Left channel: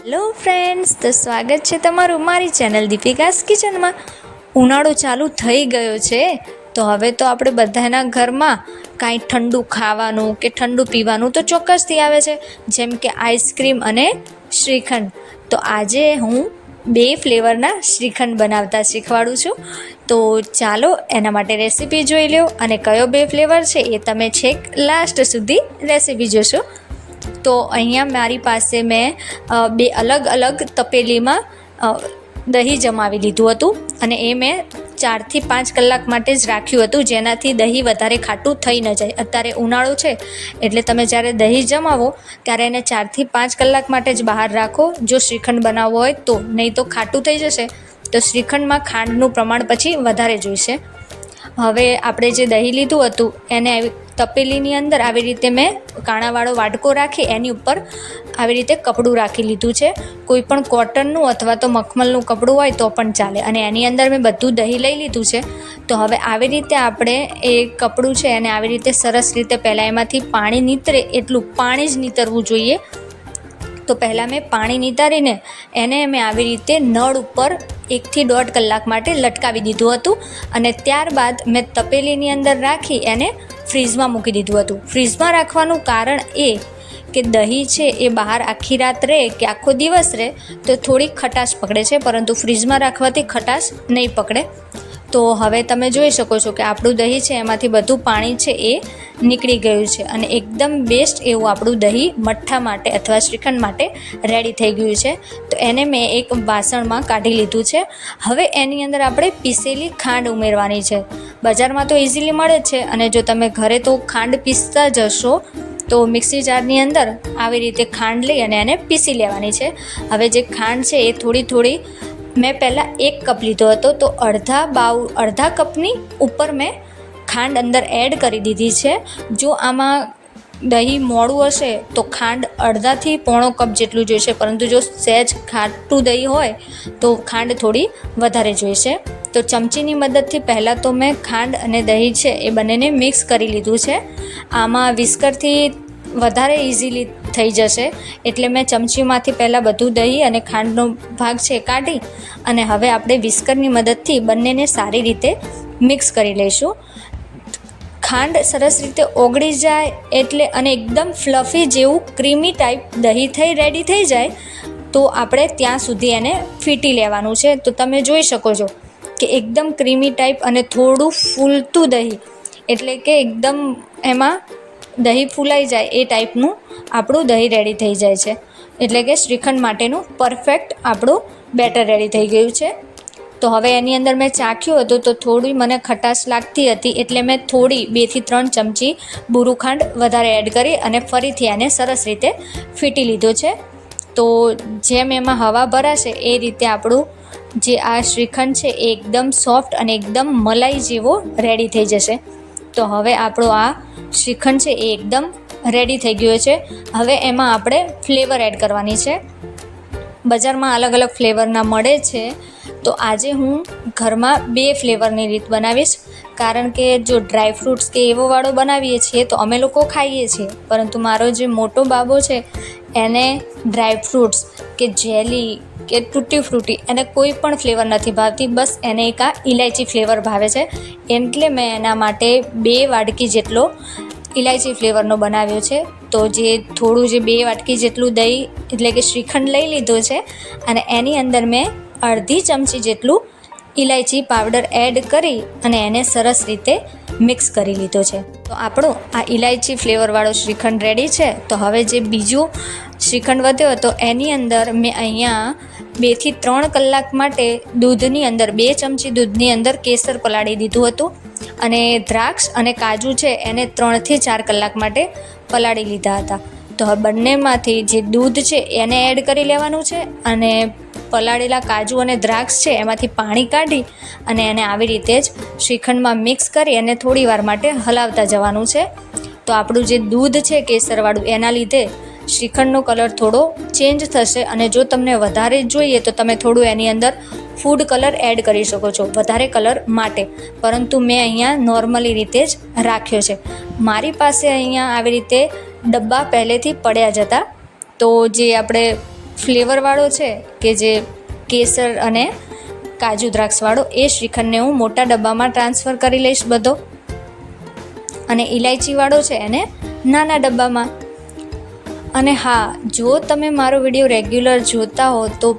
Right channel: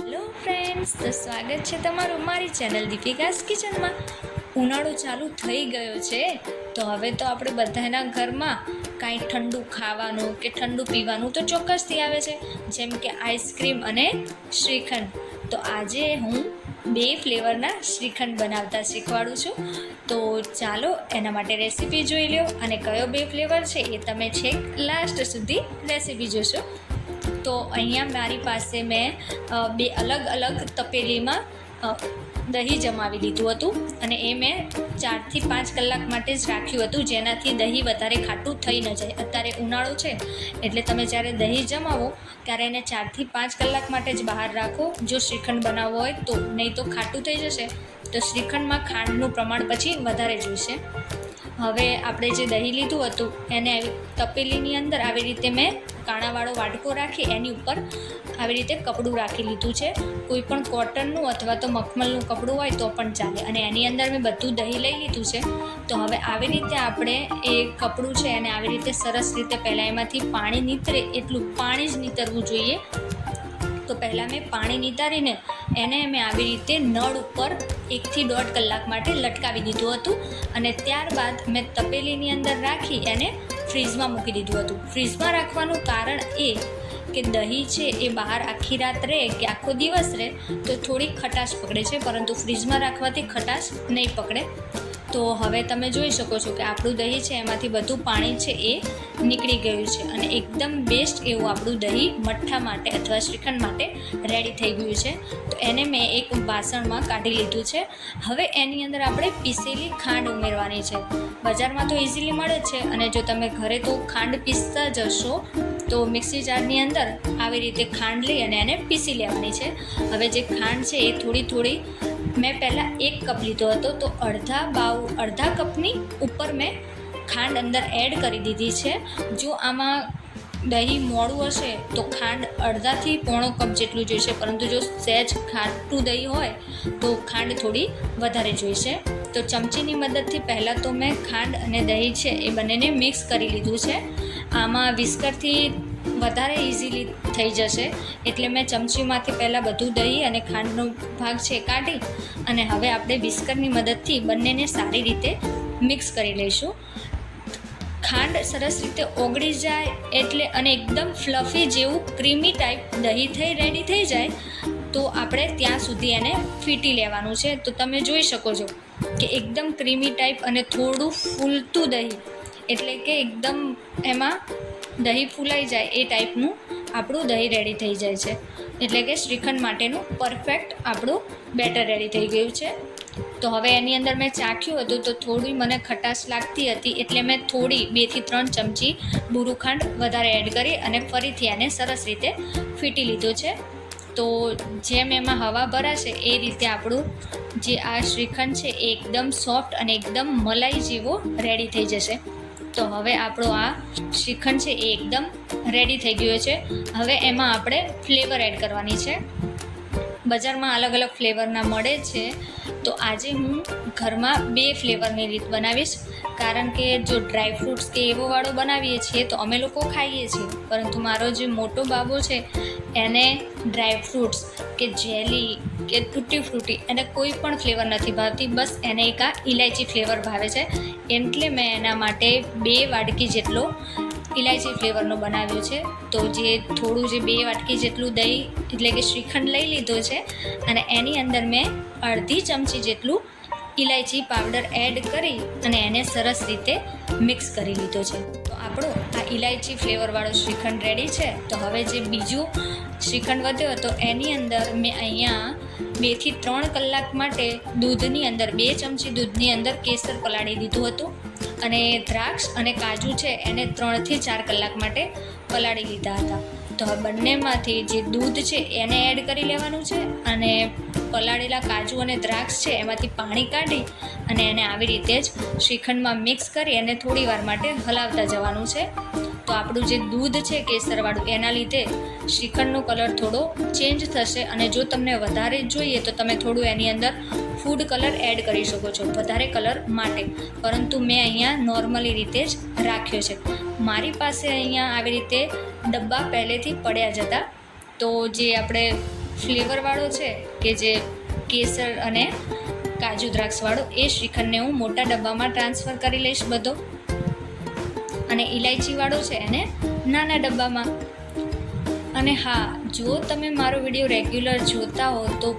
Hello friends, તો સ્વાગત છે તમારું મારી ચેનલ દીપિકાસ કિચનમાં. ઉનાળો ચાલુ થઈ ગયો છે, તો હવે તો આપણે બધાના ઘરમાં કાંઈ ઠંડુ ખાવાનું કે ઠંડુ પીવાનું તો ચોક્કસથી આવે છે, જેમ કે આઈસ્ક્રીમ અને શ્રીખંડ. તો આજે હું બે ફ્લેવરના શ્રીખંડ બનાવતા શીખવાડું છું. તો ચાલો એના માટે રેસીપી જોઈ લો અને કયો બે ફ્લેવર છે એ તમે છેક લાસ્ટ સુધી રેસીપી જોશો. તો અહીંયા મારી પાસે મેં બે અલગ અલગ તપેલીમાં દહીં જમાવી લીધું હતું અને એ મેં ચારથી પાંચ કલાક માટે જ રાખ્યું હતું, જેનાથી દહીં વધારે ખાટું થઈ ન જાય. અત્યારે ઉનાળો છે, એટલે તમે જ્યારે દહીં જમાવો, ત્યારે એને ચારથી પાંચ કલાક માટે જ બહાર રાખો. જો શ્રીખંડ બનાવવો હોય તો, નહીં તો ખાટું થઈ જશે. તો શ્રીખંડમાં ખાંડનું પ્રમાણ પછી વધારે જોઈશે. હવે આપણે જે દહીં લીધું હતું, એને તપેલીની અંદર આવી રીતે મેં કાણાવાળો વાટકો રાખી, એની ઉપર આવી રીતે કપડું રાખી લીધું છે. કોઈ પણ કોટનનું અથવા તો મખમલનું કપડું હોય તો પણ ચાલે. અને એની અંદર મેં બધું દહીં લઈ લીધું છે. તો હવે આવી રીતે આપણે એ કપડું છે અને આવી રીતે સરસ રીતે પહેલાં એમાંથી પાણી નીતરે, એટલું પાણી જ નીતરવું જોઈએ. તો પહેલાં મેં પાણી નિતારીને એને મેં આવી રીતે નળ ઉપર એકથી દોઢ કલાક માટે લટકાવી દીધું હતું. અને ત્યારબાદ મેં તપેલીની અંદર રાખી એને ફ્રીઝમાં મૂકી દીધું હતું. ફ્રીજમાં રાખવાનું કારણ એ કે દહીં છે એ બહાર આખી રાત રહે કે આખો દિવસ રહે, તો થોડી ખટાશ પકડે છે, પરંતુ ફ્રીજમાં રાખવાથી ખટાશ નહીં પકડે. તો હવે તમે જોઈ શકો છો કે આપણું દહીં છે, એમાંથી બધું પાણી છે એ નીકળી ગયું છે અને એકદમ બેસ્ટ એવું આપણું દહીં મઠ્ઠા માટે અથવા શ્રીખંડ માટે રેડી થઈ ગયું છે. તો એને મેં એક વાસણમાં કાઢી લીધું છે. હવે એની અંદર આપણે પીસેલી ખાંડ ઉમેરવાની છે. બજારમાં તો ઇઝીલી મળે છે અને જો તમે ઘરે તો ખાંડ પીસતા જશો, તો મિક્સી જારની અંદર આવી રીતે ખાંડ લઈ અને એને પીસી લેવાની છે. હવે જે ખાંડ છે એ થોડી થોડી મેં પહેલાં એક કપ લીધો હતો, તો અડધા બાઉ, અડધા કપની ઉપર મેં ખાંડ અંદર એડ કરી દીધી છે. જો આમાં દહીં મોડું હશે, તો ખાંડ અડધાથી પોણો કપ જેટલું જોઈશે. પરંતુ જો સહેજ ખાટું દહીં હોય, તો ખાંડ થોડી વધારે જોઈશે. તો ચમચીની મદદથી પહેલાં તો મેં ખાંડ અને દહીં છે, એ બંનેને મિક્સ કરી લીધું છે. આમાં વિસ્કરથી વધારે ઇઝીલી થઈ જશે. એટલે મેં ચમચીમાંથી પહેલાં બધું દહીં અને ખાંડનો ભાગ છે કાઢી અને હવે આપણે વિસ્કરની મદદથી બંનેને સારી રીતે મિક્સ કરી લઈશું. ખાંડ સરસ રીતે ઓગળી જાય એટલે અને એકદમ ફ્લફી જેવું ક્રીમી ટાઈપ દહીં થઈ રેડી થઈ જાય, તો આપણે ત્યાં સુધી એને ફીટી લેવાનું છે. તો તમે જોઈ શકો છો કે એકદમ ક્રીમી ટાઈપ અને થોડું ફૂલતું દહીં. એટલે કે એકદમ એમાં દહીં ફૂલાઈ જાય એ ટાઈપનું આપણું દહીં રેડી થઈ જાય છે. એટલે કે શ્રીખંડ માટેનું પરફેક્ટ આપણું બેટર રેડી થઈ ગયું છે. તો હવે એની અંદર મેં ચાખ્યું હતું તો થોડી મને ખટાશ લાગતી હતી એટલે મેં થોડી બેથી ત્રણ ચમચી બુરું ખાંડ વધારે એડ કરી અને ફરીથી આને સરસ રીતે ફીટી લીધો છે. તો જેમ એમાં હવા ભરાશે એ રીતે આપણું જે આ શ્રીખંડ છે એ એકદમ સોફ્ટ અને એકદમ મલાઈ જેવો રેડી થઈ જશે. તો હવે આપણો આ શ્રીખંડ છે એ એકદમ રેડી થઈ ગયો છે. હવે એમાં આપણે ફ્લેવર એડ કરવાની છે. બજારમાં અલગ અલગ ફ્લેવરના મળે છે. તો આજે હું ઘરમાં બે ફ્લેવરની રીત બનાવીશ. કારણ કે જો ડ્રાય ફ્રૂટ્સ કે એવો વાળો બનાવીએ છીએ તો અમે લોકો ખાઈએ છીએ. પરંતુ મારો જે મોટો બાબો છે, એને ડ્રાય ફ્રૂટ્સ કે જેલી કે તૂટી ફ્રૂટી એને કોઈ પણ ફ્લેવર નથી ભાવતી, બસ એને એક આ ઇલાયચી ફ્લેવર ભાવે છે. એટલે મેં એના માટે બે વાડકી જેટલો ઇલાયચી ફ્લેવરનો બનાવ્યો છે. તો જે થોડું જે બે વાટકી જેટલું દહીં, એટલે કે શ્રીખંડ લઈ લીધો છે અને એની અંદર મેં અડધી ચમચી જેટલું ઇલાયચી પાવડર એડ કરી અને એને સરસ રીતે મિક્સ કરી લીધો છે. તો આપણો આ ઇલાયચી ફ્લેવરવાળો શ્રીખંડ રેડી છે. તો હવે જે બીજું શ્રીખંડ વધ્યો હતો. એની અંદર મેં અહીંયા બેથી ત્રણ કલાક માટે દૂધની અંદર, બે ચમચી દૂધની અંદર કેસર પલાળી દીધું હતું અને દ્રાક્ષ અને કાજુ છે એને ત્રણથી ચાર કલાક માટે પલાળી લીધા હતા. તો હવે બંનેમાંથી જે દૂધ છે એને એડ કરી લેવાનું છે અને પલાળેલા કાજુ અને દ્રાક્ષ છે એમાંથી પાણી કાઢી અને એને આવી રીતે જ શ્રીખંડમાં મિક્સ કરી અને થોડી વાર માટે હલાવતા જવાનું છે. તો આપણું જે દૂધ છે કેસરવાળું, એના લીધે શ્રીખંડનો કલર થોડો ચેન્જ થશે અને જો તમને વધારે જોઈએ તો તમે થોડું એની અંદર ફૂડ કલર એડ કરી શકો છો, વધારે કલર માટે. પરંતુ મેં અહીંયા નોર્મલી રીતે જ રાખ્યો છે. મારી પાસે અહીંયા આવી રીતે ડબ્બા પહેલેથી પડ્યા જ હતા. તો જે આપણે ફ્લેવરવાળો છે કે જે કેસર અને કાજુ દ્રાક્ષવાળો, એ શ્રીખંડને હું મોટા ડબ્બામાં ટ્રાન્સફર કરી લઈશ બધો. અને ઇલાયચીવાળો છે એને નાના ડબ્બામાં. અને હા, જો તમે મારો વીડિયો રેગ્યુલર જોતા હો તો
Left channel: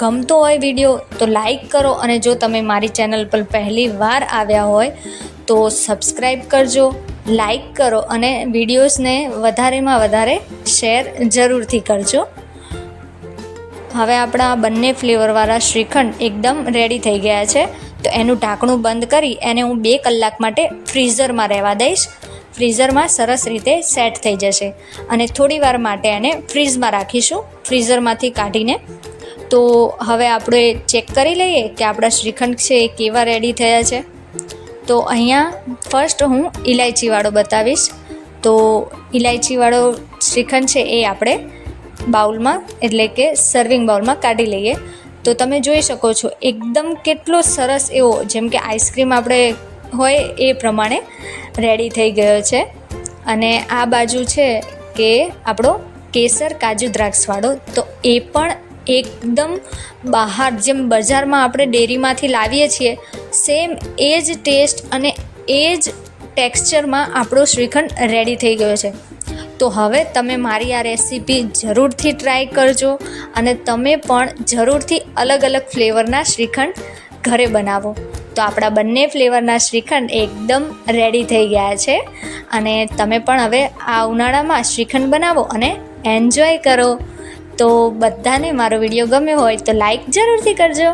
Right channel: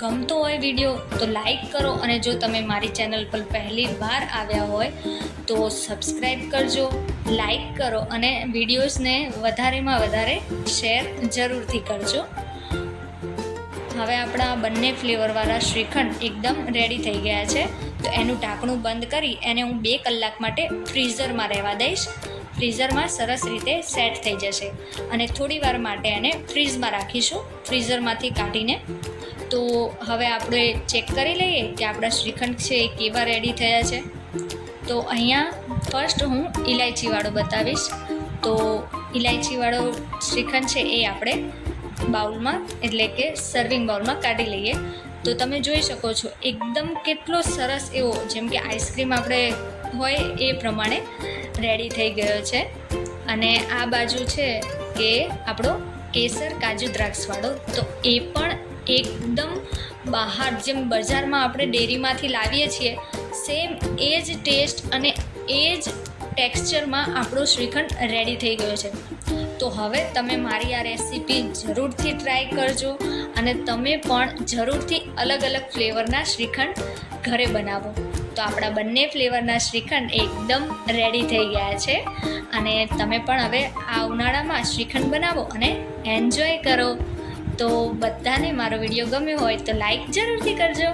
ગમતો હોય વીડિયો, તો લાઈક કરો અને જો તમે મારી ચેનલ પર પહેલી વાર આવ્યા હોય તો સબસ્ક્રાઈબ કરજો, લાઈક કરો અને વિડીયોઝને વધારેમાં વધારે શેર જરૂરથી કરજો. હવે આપણા બંને ફ્લેવરવાળા શ્રીખંડ એકદમ રેડી થઈ ગયા છે. તો એનું ઢાંકણું બંધ કરી એને હું બે કલાક માટે ફ્રીઝરમાં રહેવા દઈશ. ફ્રીઝરમાં સરસ રીતે સેટ થઈ જશે. અને થોડી વાર માટે એને ફ્રીઝમાં રાખીશું, ફ્રીઝરમાંથી કાઢીને. તો હવે આપણે ચેક કરી લઈએ કે આપણા શ્રીખંડ છે એ કેવા રેડી થયા છે. તો અહીંયા ફર્સ્ટ હું ઇલાયચીવાળો બતાવીશ. તો ઇલાયચીવાળો શ્રીખંડ છે એ આપણે બાઉલમાં, એટલે કે સર્વિંગ બાઉલમાં કાઢી લઈએ. તો તમે જોઈ શકો છો, એકદમ કેટલો સરસ એવો, જેમ કે આઈસ્ક્રીમ આપણે હોય એ પ્રમાણે રેડી થઈ ગયો છે. અને આ બાજુ છે કે આપણો કેસર કાજુ દ્રાક્ષવાળો, તો એ પણ એકદમ બહાર, જેમ બજારમાં આપણે ડેરીમાંથી લાવીએ છીએ સેમ એ જ ટેસ્ટ અને એ જ ટેક્સચરમાં આપણો શ્રીખંડ રેડી થઈ ગયો છે. તો હવે તમે મારી આ રેસીપી જરૂરથી ટ્રાય કરજો અને તમે પણ જરૂરથી અલગ અલગ ફ્લેવરના શ્રીખંડ ઘરે બનાવો. તો આપણા બંને ફ્લેવરના શ્રીખંડ એકદમ રેડી થઈ ગયા છે અને તમે પણ હવે આ ઉનાળામાં શ્રીખંડ બનાવો અને એન્જોય કરો. તો બધાને મારો વીડિયો ગમ્યો હોય તો લાઈક જરૂરથી કરજો.